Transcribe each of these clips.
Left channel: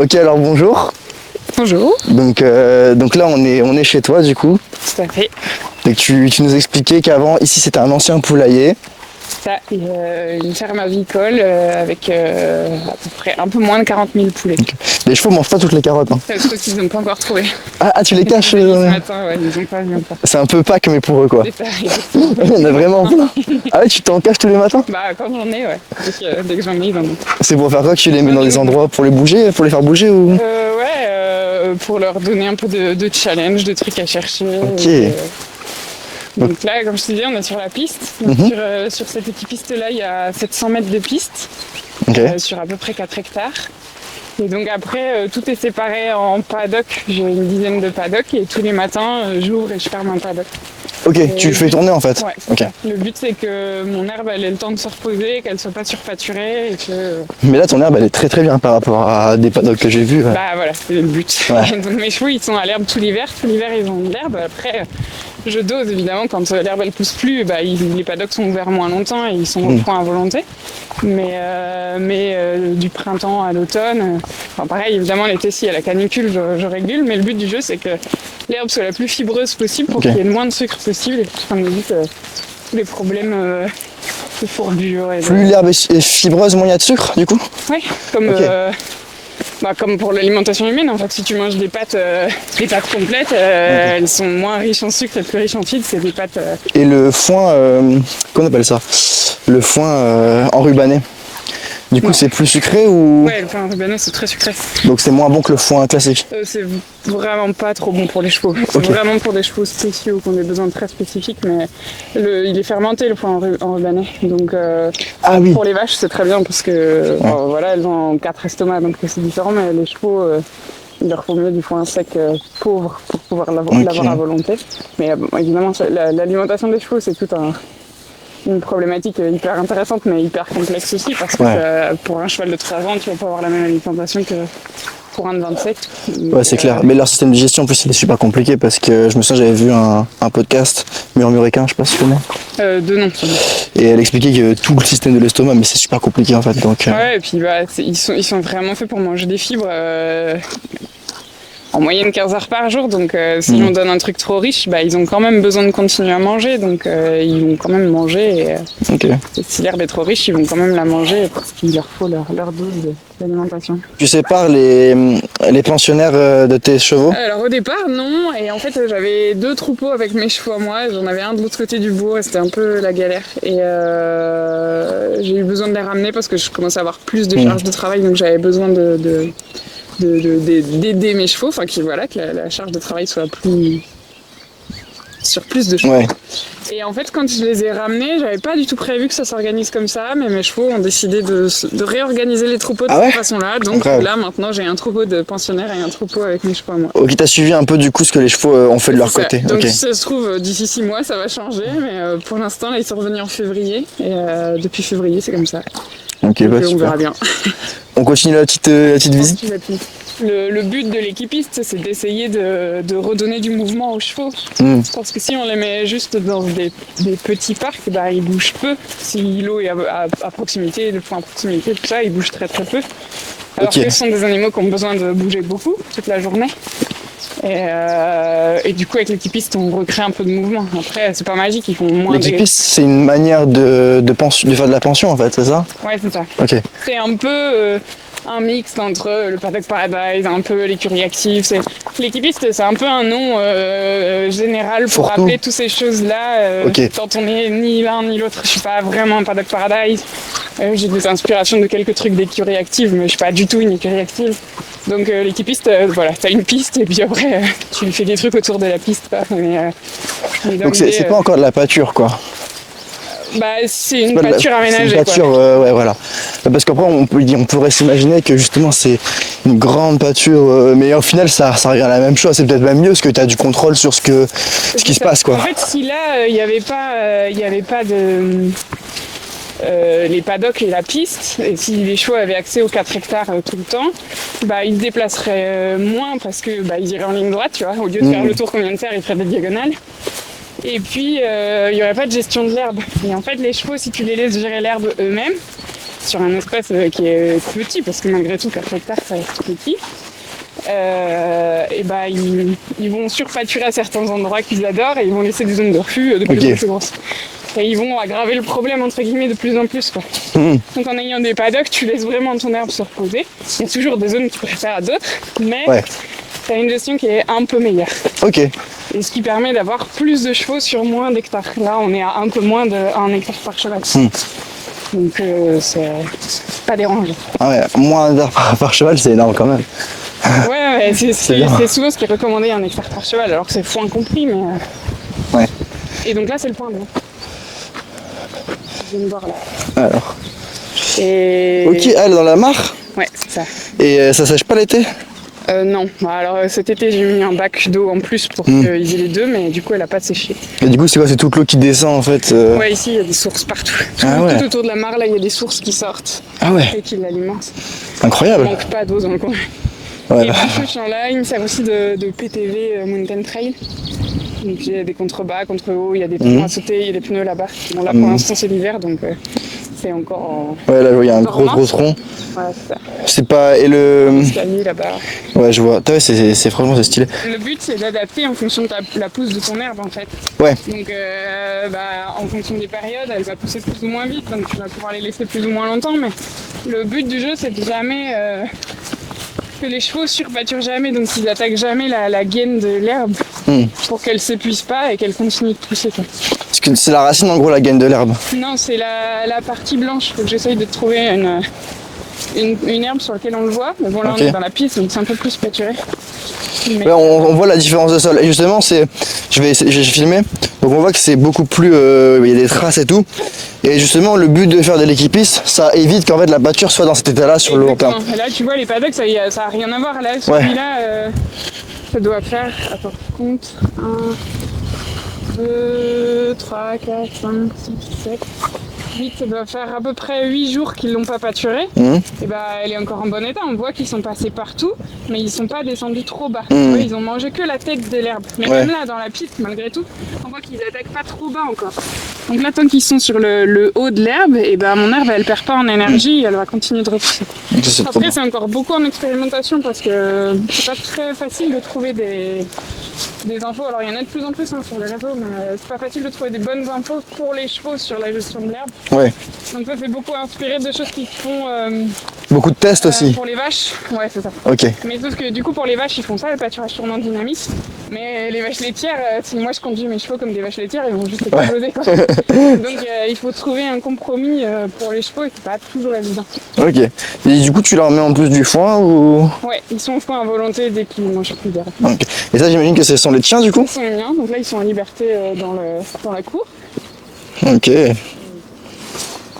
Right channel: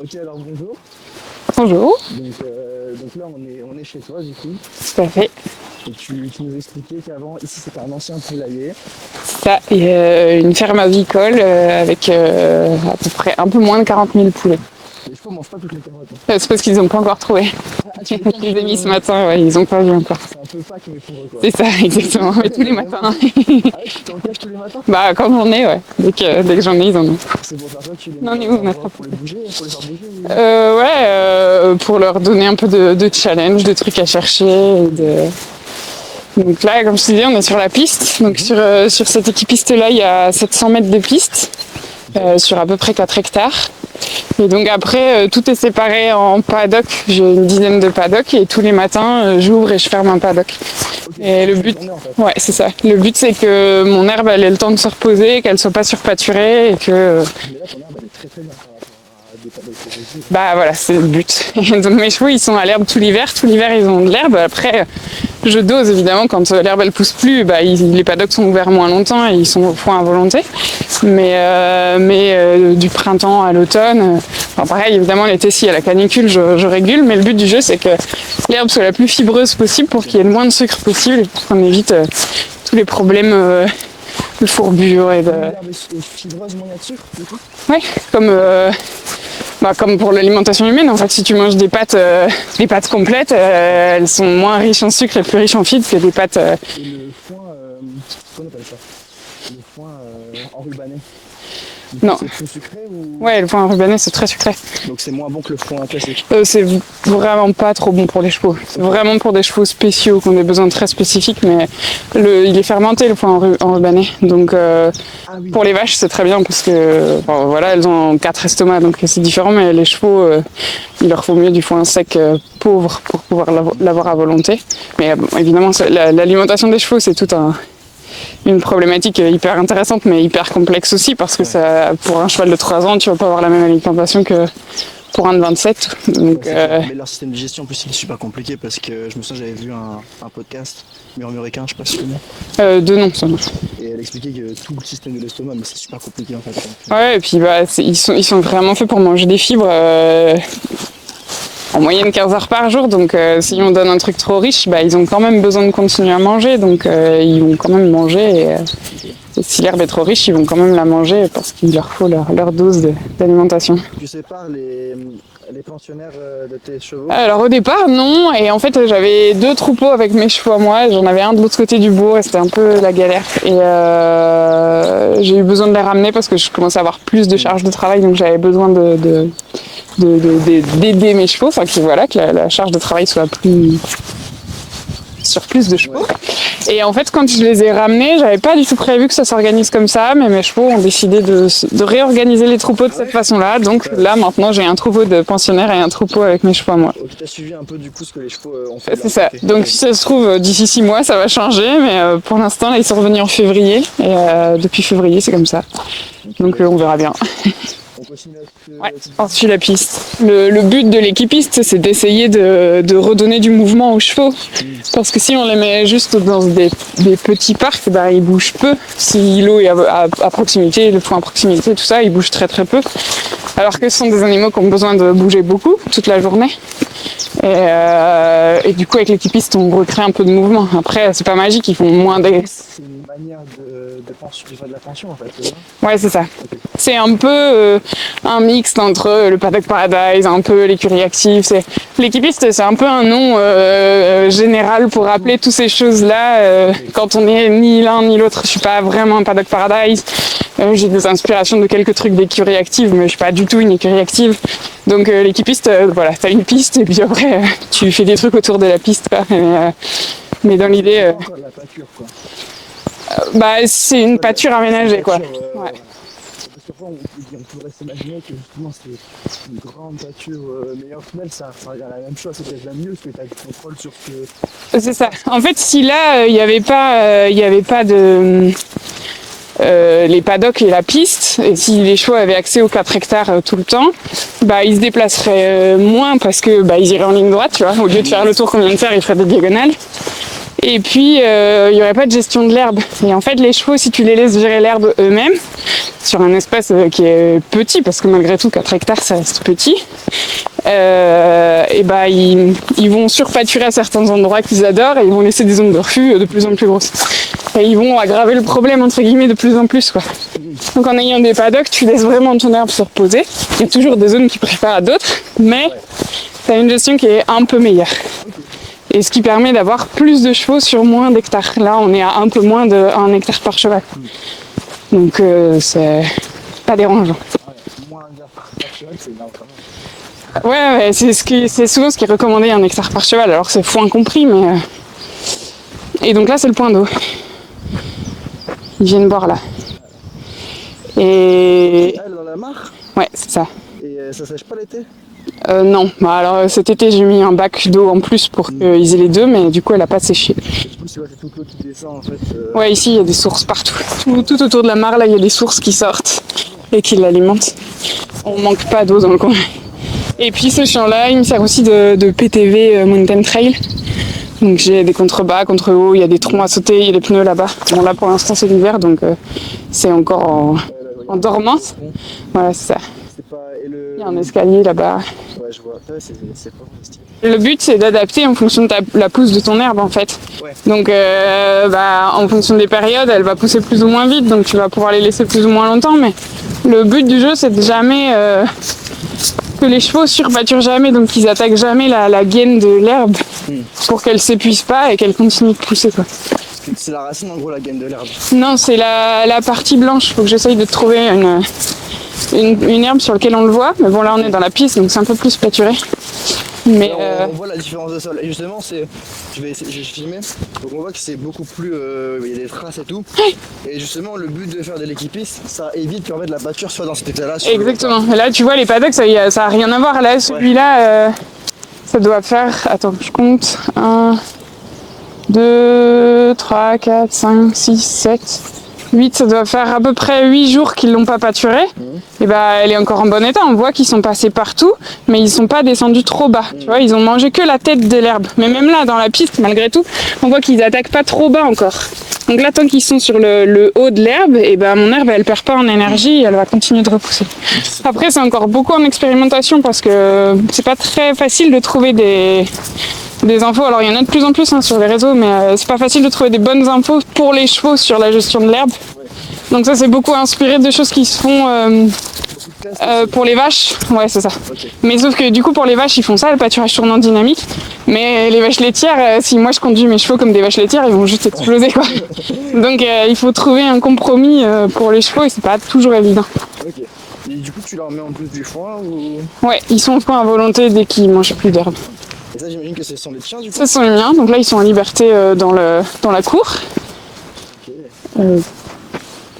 Ok, alors bonjour. Bonjour. Donc là, on est chez toi du coup. Tout à fait. Et tu nous expliquais qu'avant, ici, c'était un ancien poulailler. Ça, il y a une ferme avicole avec à peu près un peu moins de 40 000 poulets. Les chevaux mangent pas toutes les carottes. Hein. C'est parce qu'ils n'ont pas encore trouvé. Ah, tu les caches Ce matin, ouais, ils n'ont pas vu encore. C'est un peu Pâques, mais pour eux, quoi. C'est ça, exactement. On a vraiment... Ah ouais, tu t'en caches tous les matins? Bah, quand j'en ai, ouais. Dès que j'en ai, ils en ont. C'est pour faire quoi que tu les mets dans des endroits pour les bouger, pour les faire bouger ou... Pour leur donner un peu de challenge, de trucs à chercher. Ok. Donc là, comme je te disais, on est sur la piste. Donc sur cette équipiste-là, il y a 700 mètres de piste, sur à peu près 4 hectares. Et donc après, tout est séparé en paddock. J'ai une dizaine de paddocks et tous les matins, j'ouvre et je ferme un paddock. Ok, et tu le fais tourner en fait. Ouais, c'est ça. Le but, c'est que mon herbe, elle ait le temps de se reposer, qu'elle soit pas surpâturée et que... Mais là, ton herbe, elle est très très bien par rapport à des paddocks que j'ai vus. Bah voilà, c'est le but. Ouais. Donc mes chevaux, ils sont à l'herbe tout l'hiver. Tout l'hiver, ils ont de l'herbe. Après, je dose évidemment quand l'herbe, elle pousse plus. Bah, les paddocks sont ouverts moins longtemps et ils sont au point à volonté. Mais du printemps à l'automne... Enfin, pareil, évidemment, l'été, s'il y a la canicule, je régule. Mais le but du jeu, c'est que l'herbe soit la plus fibreuse possible pour qu'il y ait le moins de sucre possible. Qu'on évite tous les problèmes de fourbure. Et Plus l'herbe est fibreuse, moins il y a de sucre, du coup? Ouais, comme pour l'alimentation humaine. En fait, si tu manges des pâtes complètes, elles sont moins riches en sucre et plus riches en fibres que des pâtes... Et le foin, qu'on appelle ça? Le foin enrubanné. Du coup, Non. c'est plus sucré ou... Ouais, le foin enrubanné, c'est très sucré. Donc c'est moins bon que le foin classique. C'est vraiment pas trop bon pour les chevaux. C'est vraiment pour des chevaux spéciaux, qui ont des besoins très spécifiques, mais il est fermenté, le foin enrubanné. Donc pour les vaches, c'est très bien parce que voilà, elles ont 4 estomacs, donc c'est différent, mais les chevaux, il leur faut mieux du foin sec pauvre pour pouvoir l'avoir à volonté. Mais évidemment, l'alimentation des chevaux, c'est une problématique hyper intéressante mais hyper complexe aussi parce que pour un cheval de 3 ans, tu vas pas avoir la même alimentation que pour un de 27. Donc, ouais, c'est clair. Mais leur système de digestion, en plus, il est super compliqué parce que je me souviens, j'avais vu un podcast, Murmuréquin, je sais pas si tu connais. De nom. Et elle expliquait que tout le système de l'estomac, mais c'est super compliqué en fait. Donc, ouais, et puis ils sont vraiment faits pour manger des fibres. En moyenne 15 heures par jour, donc si on donne un truc trop riche, ils ont quand même besoin de continuer à manger, donc ils vont quand même manger. Et si l'herbe est trop riche, ils vont quand même la manger parce qu'il leur faut leur dose d'alimentation. Tu sépares les pensionnaires de tes chevaux? Alors au départ, non, et en fait j'avais 2 troupeaux avec mes chevaux à moi, j'en avais un de l'autre côté du bourg et c'était un peu la galère. Et j'ai eu besoin de les ramener parce que je commençais à avoir plus de charge de travail, donc j'avais besoin d'aider mes chevaux, enfin que la charge de travail soit sur plus de chevaux. Ouais. Et en fait, quand je les ai ramenés, j'avais pas du tout prévu que ça s'organise comme ça, mais mes chevaux ont décidé de réorganiser les troupeaux de cette façon-là. Donc là, maintenant, j'ai un troupeau de pensionnaires et un troupeau avec mes chevaux à moi. Ok, t'as suivi un peu du coup ce que les chevaux ont fait de leur côté. Donc si ça se trouve, d'ici 6 mois, ça va changer, mais pour l'instant, là, ils sont revenus en février, et depuis février, c'est comme ça. Donc on verra bien. On continue la petite visite. On suit la piste. Le but de l'équipiste, c'est d'essayer de redonner du mouvement aux chevaux. Parce que si on les met juste dans des petits parcs, ils bougent peu. Si l'eau est à proximité, le foin à proximité, tout ça, ils bougent très très peu. Alors que ce sont des animaux qui ont besoin de bouger beaucoup, toute la journée. Et du coup, avec l'équipiste, on recrée un peu de mouvement. Après, c'est pas magique, ils font moins l'équipiste, c'est une manière de faire de la pension, en fait, c'est ça? Ouais, c'est ça. Okay. C'est un peu un mix entre le Paddock Paradise, un peu l'écurie active. L'équipiste, c'est un peu un nom général pour rappeler toutes ces choses-là. Quand on est ni l'un ni l'autre, je suis pas vraiment un Paddock Paradise. J'ai des inspirations de quelques trucs d'écurie active, mais je suis pas du tout une écurie active. Donc l'équipiste, t'as une piste et puis après tu fais des trucs autour de la piste. Donc c'est pas encore de la pâture, quoi. C'est une pâture aménagée. C'est une pâture, ouais, voilà. Parce qu'après, on pourrait s'imaginer que justement c'est une grande pâture, mais au final, ça revient à la même chose. C'est peut-être même mieux parce que tu as du contrôle sur ce qui se passe, quoi. En fait, si là, il n'y avait pas de... les paddocks et la piste, et si les chevaux avaient accès aux 4 hectares tout le temps, ils se déplaceraient moins parce que ils iraient en ligne droite, tu vois, au lieu de faire le tour qu'on vient de faire, ils feraient des diagonales. Et puis, il n'y aurait pas de gestion de l'herbe. Et en fait, les chevaux, si tu les laisses gérer l'herbe eux-mêmes, sur un espace qui est petit, parce que malgré tout, 4 hectares, ça reste petit, et bah, ils vont surpâturer à certains endroits qu'ils adorent et ils vont laisser des zones de refus de plus en plus grosses. Et ils vont aggraver le problème, entre guillemets, de plus en plus, quoi. Donc en ayant des paddocks, tu laisses vraiment ton herbe se reposer. Il y a toujours des zones qui préfèrent à d'autres, mais tu as une gestion qui est un peu meilleure. Ok. Et ce qui permet d'avoir plus de chevaux sur moins d'hectares. Là, on est à un peu moins d'1 hectare par cheval. Donc c'est pas dérangeant. Ah ouais, moins d'hectares par cheval, c'est énorme quand même. Ouais, c'est souvent ce qui est recommandé, 1 hectare par cheval. Alors c'est fou incompris, mais... Ouais. Et donc là, c'est le point d'eau. Ils viennent boire là. Alors. Et... Ok, elle est dans la mare. Ouais, c'est ça. Et ça sèche pas l'été? Non, bah, alors cet été j'ai mis un bac d'eau en plus pour qu'ils aient les deux, mais du coup elle a pas séché. Et du coup c'est quoi? C'est toute l'eau qui descend en fait Ouais, ici il y a des sources partout. Ouais. Tout autour de la mare là il y a des sources qui sortent et qui l'alimentent. Incroyable. Il manque pas d'eau dans le coin. Ouais. Et puis ce champ là il me sert aussi de PTV Mountain Trail. Donc j'ai des contrebas, contre-hauts, il y a des troncs à sauter, il y a des pneus là-bas. Bon là pour l'instant c'est l'hiver donc c'est encore en... Ouais là il y a un gros tronc. Ouais c'est ça. C'est pas... Et le... Un escalier là-bas. Ouais je vois. Ouais, c'est franchement c'est stylé. Le but c'est d'adapter en fonction de la pousse de ton herbe en fait. Ouais. Donc en fonction des périodes elle va pousser plus ou moins vite donc tu vas pouvoir les laisser plus ou moins longtemps mais le but du jeu c'est de jamais... que les chevaux surpâturent jamais, donc ils attaquent jamais la gaine de l'herbe pour qu'elle s'épuise pas et qu'elle continue de pousser, quoi. Parce que c'est la racine en gros la gaine de l'herbe. Non, c'est la partie blanche. Faut que j'essaye de trouver une herbe sur laquelle on le voit. Mais bon, là on est dans la piste, donc c'est un peu plus pâturé. Mais là, on voit la différence de sol. Et justement, je vais filmer. Donc on voit que c'est beaucoup plus... il y a des traces et tout. Et justement, le but de faire de l'équipiste, ça évite qu'en fait la pâture soit dans cet état-là sur le long terme. Exactement. Là, tu vois, les paddocks, ça a rien à voir. Là, celui-là, ça doit faire... Attends, je compte. 1, 2, 3, 4, 5, 6, 7... 8, ça doit faire à peu près 8 jours qu'ils l'ont pas pâturé. Et bah, elle est encore en bon état. On voit qu'ils sont passés partout, mais ils sont pas descendus trop bas. Tu vois, ils ont mangé que la tête de l'herbe. Mais même là, dans la piste, malgré tout, on voit qu'ils attaquent pas trop bas encore. Donc là, tant qu'ils sont sur le haut de l'herbe, et ben mon herbe, elle perd pas en énergie, elle va continuer de repousser. Après, c'est encore beaucoup en expérimentation parce que c'est pas très facile de trouver des infos. Alors, il y en a de plus en plus sur les réseaux, mais c'est pas facile de trouver des bonnes infos pour les chevaux sur la gestion de l'herbe. Ouais. Donc ça, c'est beaucoup inspiré de choses qui se font... beaucoup de tests aussi. Pour les vaches, ouais, c'est ça. Ok. Mais sauf que du coup, pour les vaches, ils font ça, le pâturage tournant dynamique. Mais les vaches laitières, si moi je conduis mes chevaux comme des vaches laitières, ils vont juste exploser, quoi. Donc il faut trouver un compromis pour les chevaux et c'est pas toujours évident. Ok. Et du coup, tu leur mets en plus du foin ou... Ouais, ils sont au foin à volonté dès qu'ils mangent plus d'herbe. Okay. Et ça, j'imagine que ce sont les tiens du coup? Ça, ce sont les miens. Donc là, ils sont en liberté dans la cour. Ok.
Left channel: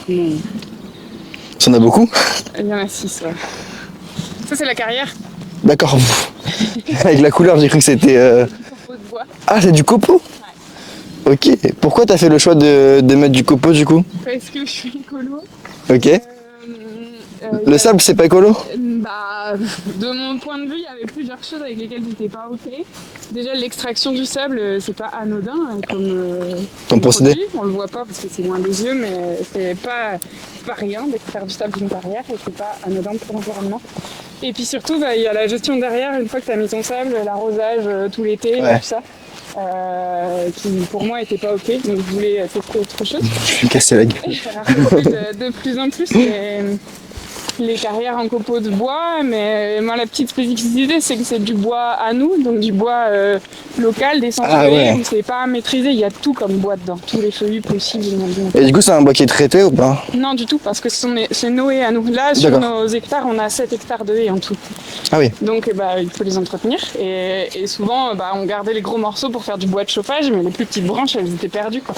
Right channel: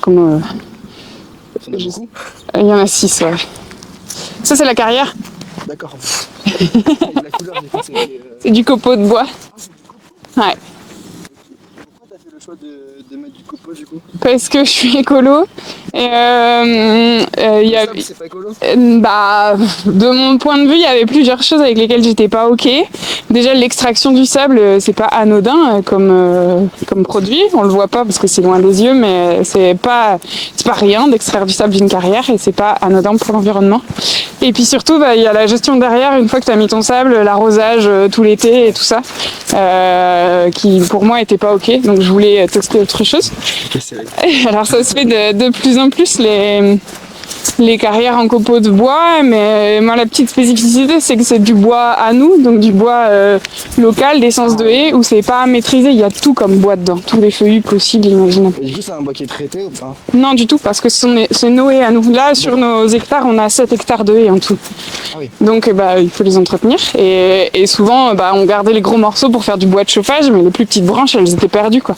Comment... Ça en a beaucoup? Il y en a 6, ouais. Ça, c'est la carrière. D'accord. Avec la couleur, j'ai cru que c'était... C'est du copeau de bois. Ah, c'est du copeau? Ouais. Ok. Pourquoi t'as fait le choix de mettre du copeau du coup? Parce que je suis écolo. Ok. Le sable, c'est pas écolo? Bah, de mon point de vue, il y avait plusieurs choses avec lesquelles j'étais pas ok. Déjà, l'extraction du sable, c'est pas anodin comme produit. On le voit pas parce que c'est loin des yeux, mais c'est pas rien d'extraire du sable d'une carrière et c'est pas anodin pour l'environnement. Et puis surtout, il y a la gestion derrière, une fois que tu as mis ton sable, l'arrosage tout l'été et tout ça, qui pour moi était pas ok, donc je voulais tester autre chose. Je vais me casser la gueule. Alors ça se fait de plus en plus les carrières en copeaux de bois, mais moi la petite spécificité c'est que c'est du bois à nous, donc du bois local, d'essence de haie, où c'est pas maîtrisé, il y a tout comme bois dedans, tous les feuillus possibles, imaginables. Et du coup c'est un bois qui est traité ou pas? Non du tout, parce que c'est nos haies à nous. Là sur nos hectares, on a 7 hectares de haies en tout. Ah oui. Donc il faut les entretenir et souvent on gardait les gros morceaux pour faire du bois de chauffage, mais les plus petites branches elles étaient perdues quoi.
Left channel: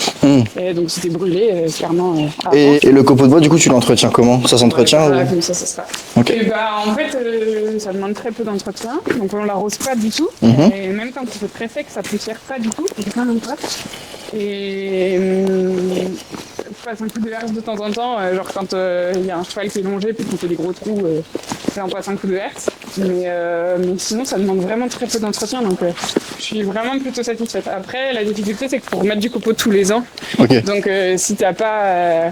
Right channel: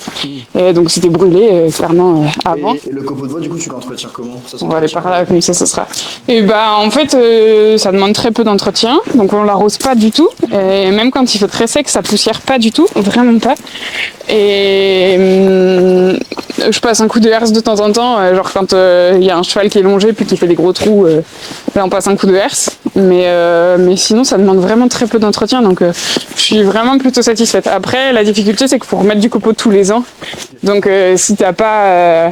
Et donc c'était brûlé clairement avant. Et le copeau de bois du coup tu l'entretiens comment? Ça s'entretient? Comme ça sera. Okay. Et en fait ça demande très peu d'entretien, donc on l'arrose pas du tout. Et même quand il fait très sec, ça poussière pas du tout, vraiment pas. Et je passe un coup de herse de temps en temps, genre quand il y a un cheval qui est longé puis qui fait des gros trous, là on passe un coup de herse. Mais sinon ça demande vraiment très peu d'entretien, donc je suis vraiment plutôt satisfaite. Après la difficulté c'est qu'il faut remettre du copeau tous les ans. Ok. Donc si t'as pas...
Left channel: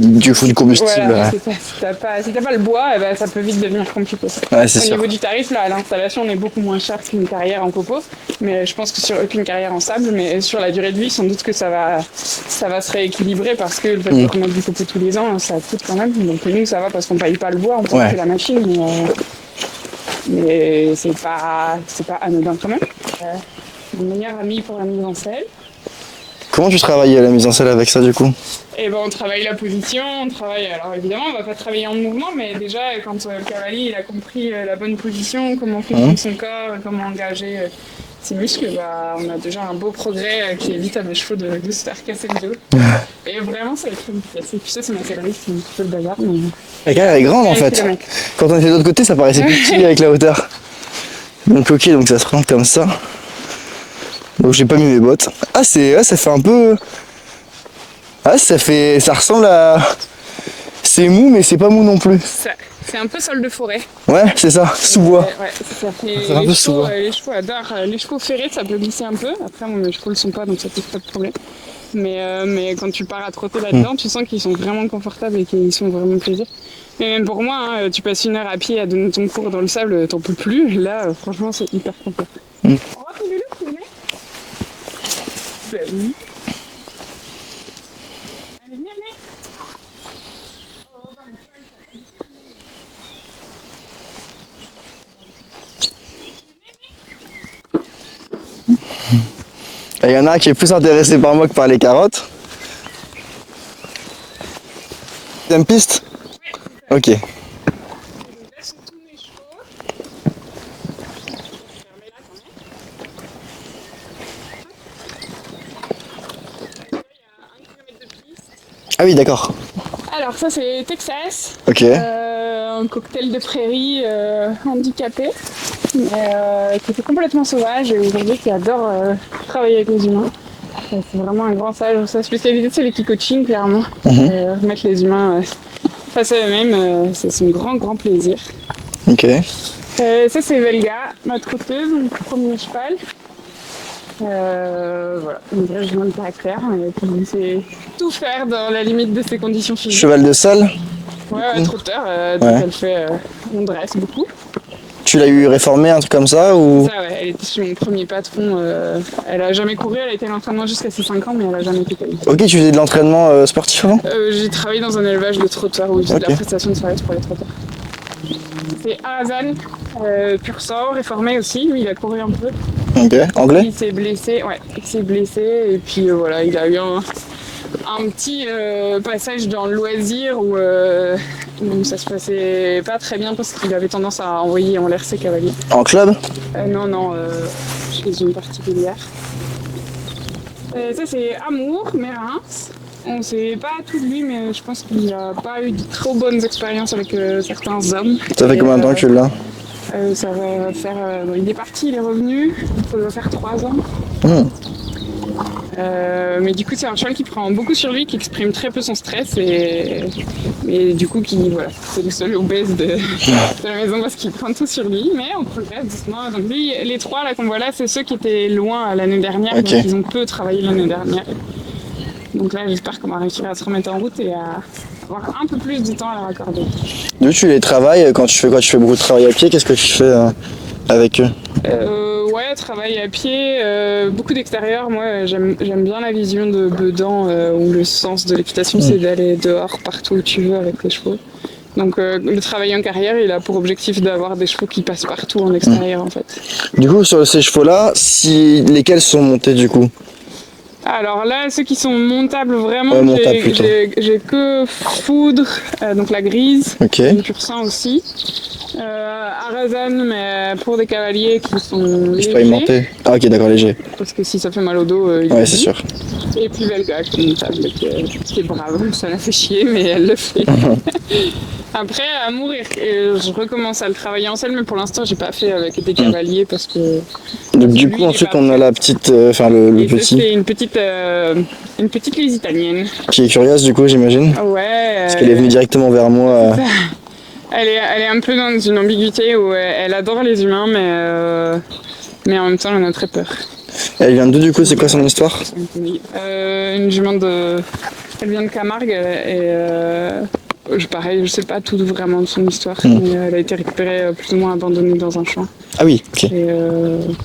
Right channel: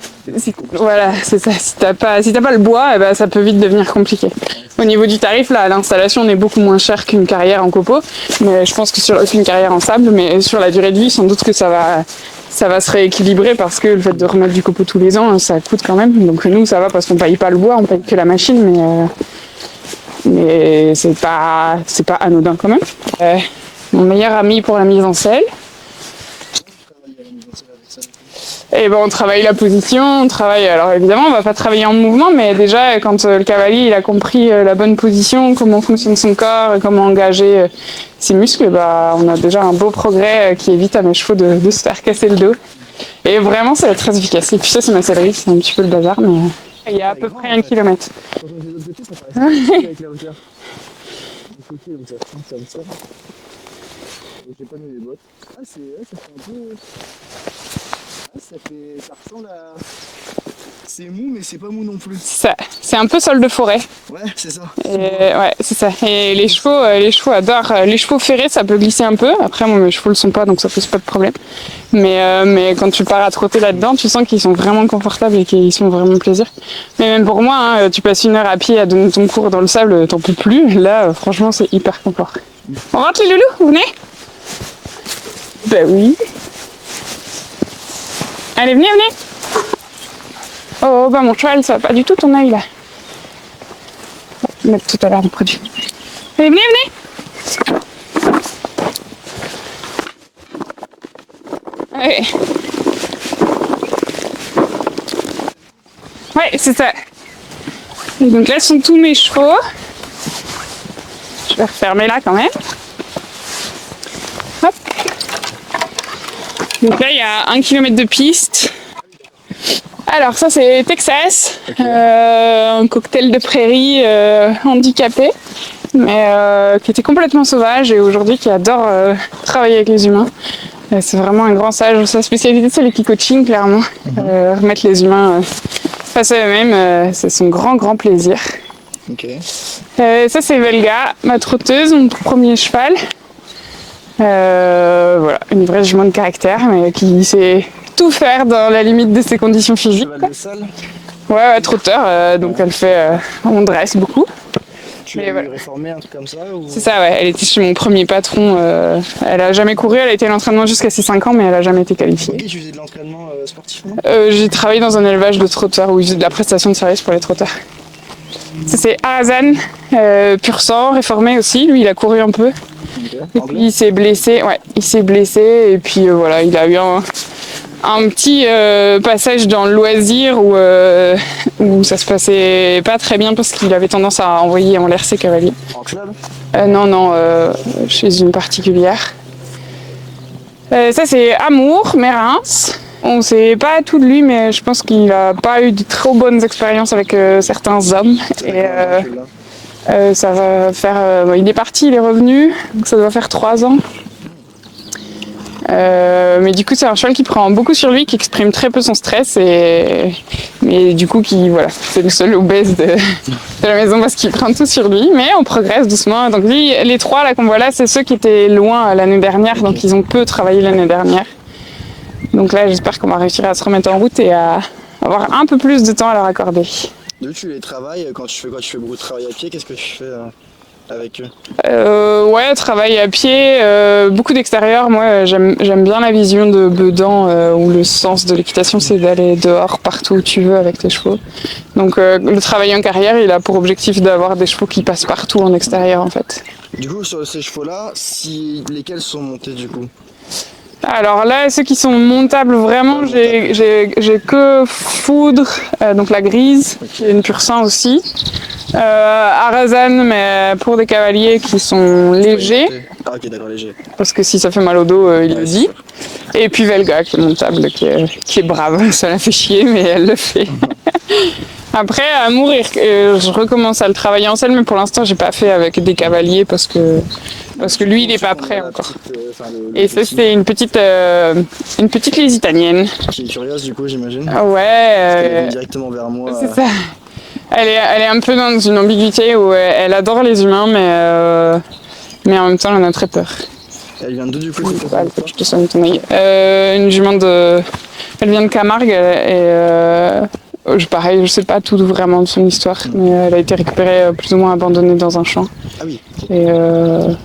du combustible. Voilà, c'est ça. Si t'as pas le bois, eh ben, ça peut vite devenir compliqué. Ouais, Au niveau du tarif, là, l'installation est beaucoup moins chère qu'une carrière en copeaux, mais je pense que qu'une carrière en sable, mais sur la durée de vie, sans doute que ça va se rééquilibrer parce que le fait de remettre du copeau tous les ans, ça coûte quand même. Donc nous, ça va parce qu'on paye pas le bois, on paye que la machine, mais c'est pas anodin quand même. Mon meilleur ami pour la mise en selle. Comment tu travailles la mise en selle avec ça du coup? Eh ben on travaille la position, on travaille. Alors évidemment on va pas travailler en mouvement, mais déjà quand le cavalier il a compris la bonne position, comment fonctionne son corps, comment engager ses muscles, bah on a déjà un beau progrès qui évite à mes chevaux de se faire casser le dos. Et vraiment c'est très efficace. Et puis ça c'est ma sellerie, c'est un petit peu le bazar, mais. La carrière est grande en fait. Kilomètres. Quand on était de l'autre côté ça paraissait plus petit avec la hauteur. Donc ok, donc ça se rend comme ça. Donc j'ai pas mis mes bottes. Ah ça fait un peu... Ah ça ressemble à... C'est mou mais c'est pas mou non plus. C'est un peu sol de forêt. Ouais c'est ça, sous-bois. Ouais c'est ça. Et les chevaux adorent. Les chevaux ferrés ça peut glisser un peu. Après moi mes chevaux le sont pas donc ça pose pas de problème. Mais quand tu pars à trotter là-dedans, tu sens qu'ils sont vraiment confortables et qu'ils sont vraiment plaisir. Mais même pour moi, hein, tu passes 1 heure à pied à donner ton cours dans le sable, t'en peux plus. Là franchement c'est hyper confort. On rentre les loulous, vous venez? Ben oui. Allez, venez. Oh, bah mon cheval, ça va pas du tout ton œil là. Je vais mettre tout à l'heure le produit. Allez, venez. Il y en a un qui est plus intéressé par moi que par les carottes. Ouais. Deuxième piste? Ouais, c'est ça. Ok. Et donc là sont tous mes chevaux. Je vais refermer là quand même. Hop. Donc là il y a 1 km de piste. Ah oui d'accord. Alors ça c'est Texas, un cocktail de prairie handicapé, mais qui était complètement sauvage et aujourd'hui qui adore travailler avec les humains. C'est vraiment un grand sage. Sa spécialité c'est l'équicoaching clairement. Remettre les humains face à eux-mêmes, c'est son grand plaisir. Ok. Ça c'est Velga, ma trotteuse, mon tout premier cheval. Voilà, une vraie jument de caractère, mais qui sait tout faire dans la limite de ses conditions physiques. Cheval de salle? Ouais, trotteur, donc elle fait, on dresse beaucoup. Tu l'as eu réformé, un truc comme ça ou... C'est ça, ouais, elle était chez mon premier patron, elle a jamais couru, elle a été à l'entraînement jusqu'à ses 5 ans, mais elle a jamais été qualifiée. Ok, tu faisais de l'entraînement sportif avant? J'ai travaillé dans un élevage de trotteurs où ils faisaient de la prestation de service pour les trotteurs. Ça c'est Arazan, pur sang, réformé aussi, lui il a couru un peu. Ok, anglais? Il s'est blessé, et puis voilà, il a eu un petit passage dans le loisir où ça se passait pas très bien parce qu'il avait tendance à envoyer en l'air ses cavaliers. En club? Non, chez une particulière. Ça c'est Amour, Mérins. On sait pas tout de lui, mais je pense qu'il a pas eu de trop bonnes expériences avec certains hommes. Ça fait combien de temps que tu l'as? Ça va faire... il est parti, il est revenu, donc ça doit faire 3 ans. Mais du coup c'est un cheval qui prend beaucoup sur lui, qui exprime très peu son stress mais du coup c'est le seul obèse de la maison parce qu'il prend tout sur lui, mais on progresse doucement. Donc lui, les 3 là qu'on voit là, c'est ceux qui étaient loin l'année dernière, donc ils ont peu travaillé l'année dernière. Donc là j'espère qu'on va réussir à se remettre en route et à avoir un peu plus de temps à leur accorder. D'où tu les travailles quand tu fais quoi? Tu fais beaucoup de travail à pied, qu'est-ce que tu fais avec eux? Ouais, travail à pied, beaucoup d'extérieur. Moi, j'aime bien la vision de Bedan où le sens de l'équitation, c'est d'aller dehors partout où tu veux avec tes chevaux. Donc, le travail en carrière, il a pour objectif d'avoir des chevaux qui passent partout en extérieur, en fait. Du coup, sur ces chevaux-là, lesquels sont montés du coup? Alors là, ceux qui sont montables vraiment, j'ai que Foudre, donc la grise, une pur sang aussi. Arazan, mais pour des cavaliers qui sont légers. Ah ok, d'accord, léger. Parce que si ça fait mal au dos, il le dit. Sûr. Et puis Velga, qui est montable, qui est brave. Ça la fait chier, mais elle le fait. Après, à mourir, je recommence à le travailler en selle, mais pour l'instant, j'ai pas fait avec des cavaliers parce que parce que du lui coup, il est ensuite, pas on a prêt. la petite, enfin le Et ça petit, c'est une petite Lusitanienne. qui est curieuse du coup, j'imagine. Ah ouais. Parce qu'elle est venue directement vers moi. C'est ça. Elle est un peu dans une ambiguïté où elle adore les humains, mais en même temps elle en a très peur. Elle vient d'où du coup, c'est quoi son histoire? Une jument elle vient de Camargue pareil, je sais pas tout vraiment de son histoire, mais elle a été récupérée plus ou moins abandonnée dans un champ. Ah oui, ok. Et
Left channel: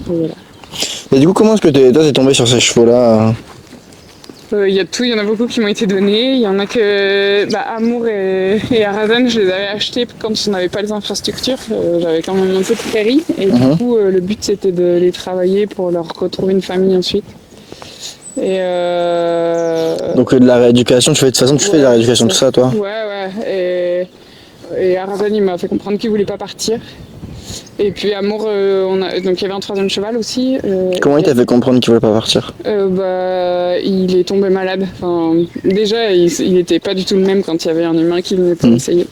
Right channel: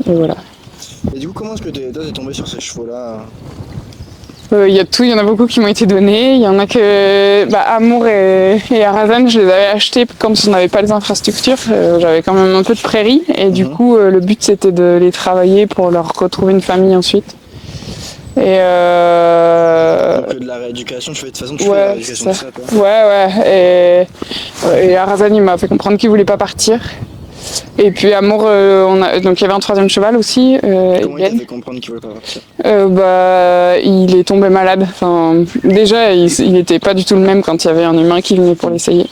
voilà. Et du coup, comment est-ce que toi t'es tombé sur ces chevaux-là? Il y a tout, il y en a beaucoup qui m'ont été donnés. Il y en a que Amour et Arazan, je les avais achetés quand on n'avait pas les infrastructures. J'avais quand même un peu de prairie et du coup le but c'était de les travailler pour leur retrouver une famille ensuite. Et Donc de la rééducation, de toute façon tu fais de la rééducation, tout ça toi? Ouais. Et Arazan il m'a fait comprendre qu'il voulait pas partir. Et puis Amour, donc il y avait un troisième cheval aussi. Comment il t'a fait comprendre qu'il voulait pas partir? Il est tombé malade. Enfin, déjà, il était pas du tout le même quand il y avait un humain qui venait pour l'essayer.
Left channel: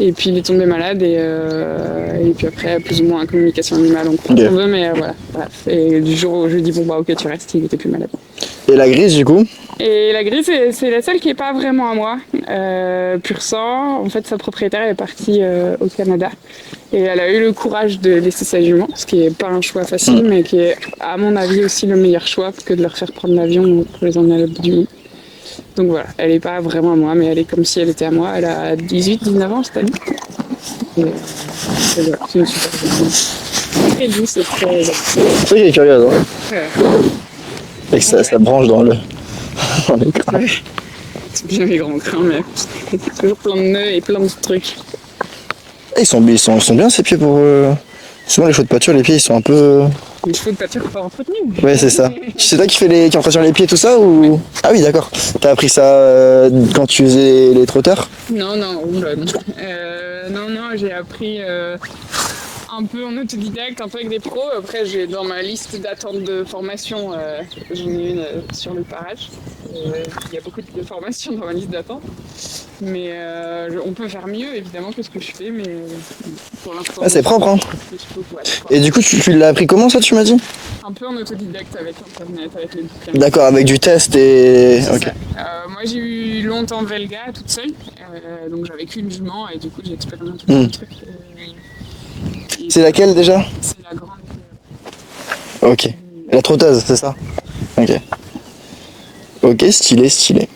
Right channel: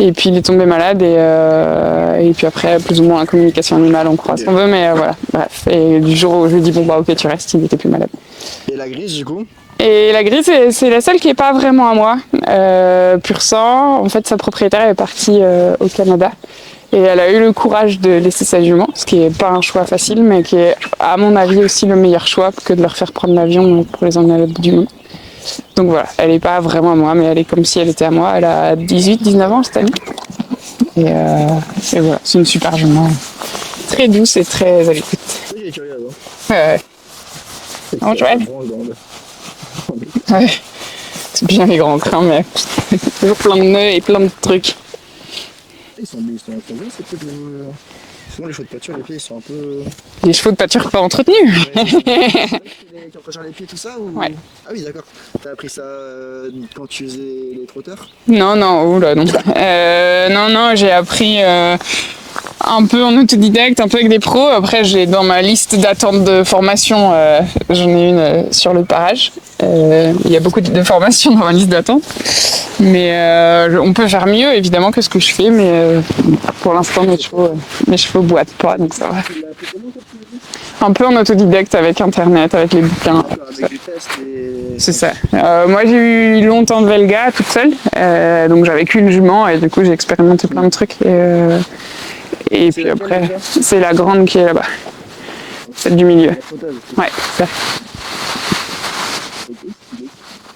Et puis il est tombé malade et puis après, plus ou moins en communication animale, on croit ce qu'on veut, mais voilà. Bref. Et du jour où je lui dis bon bah ok tu restes, il était plus malade. Et la grise du coup? Et la grise, c'est la seule qui est pas vraiment à moi. Pur sang, en fait sa propriétaire est partie au Canada. Et elle a eu le courage de laisser sa jument, ce qui est pas un choix facile, mais qui est, à mon avis, aussi le meilleur choix que de leur faire prendre l'avion pour les emmener à l'autre bout du monde. Donc voilà, elle est pas vraiment à moi, mais elle est comme si elle était à moi. Elle a 18-19 ans cette année. Et voilà, c'est une super jument. Très douce et très habituée. C'est vrai qu'elle est curieuse, hein? Et que ça branche dans le... Ouais. C'est bien les grands crins, mais toujours plein de nœuds et plein de trucs. Ils sont bien ces pieds pour... Souvent les chevaux de pâture, les pieds ils sont un peu... Les chevaux de pâture pas entretenus. Ouais c'est ça. C'est toi qui entretient les pieds tout ça ou... Ouais. Ah oui d'accord. T'as appris ça quand tu faisais les trotteurs? Non, oula non. Non, j'ai appris un peu en autodidacte, un peu avec des pros. Après j'ai dans ma liste d'attente de formation, j'en ai une sur le parage. Il y a beaucoup de formations dans ma liste d'attente. Mais on peut faire mieux évidemment que ce que je fais, mais pour l'instant c'est propre, hein. Mes chevaux boitent. Et du coup tu l'as appris comment ça tu m'as dit? Un peu en autodidacte avec internet, avec les bouquins. D'accord, avec du test et... C'est ça. Moi j'ai eu longtemps de Velga toute seule, donc j'avais qu'une jument et du coup j'ai expérimenté plein de trucs. Et c'est laquelle après, déjà? C'est la grande qui est là-bas. Ok. Du milieu. La trotteuse, c'est Ouais, ça? Ok. Ok, stylé.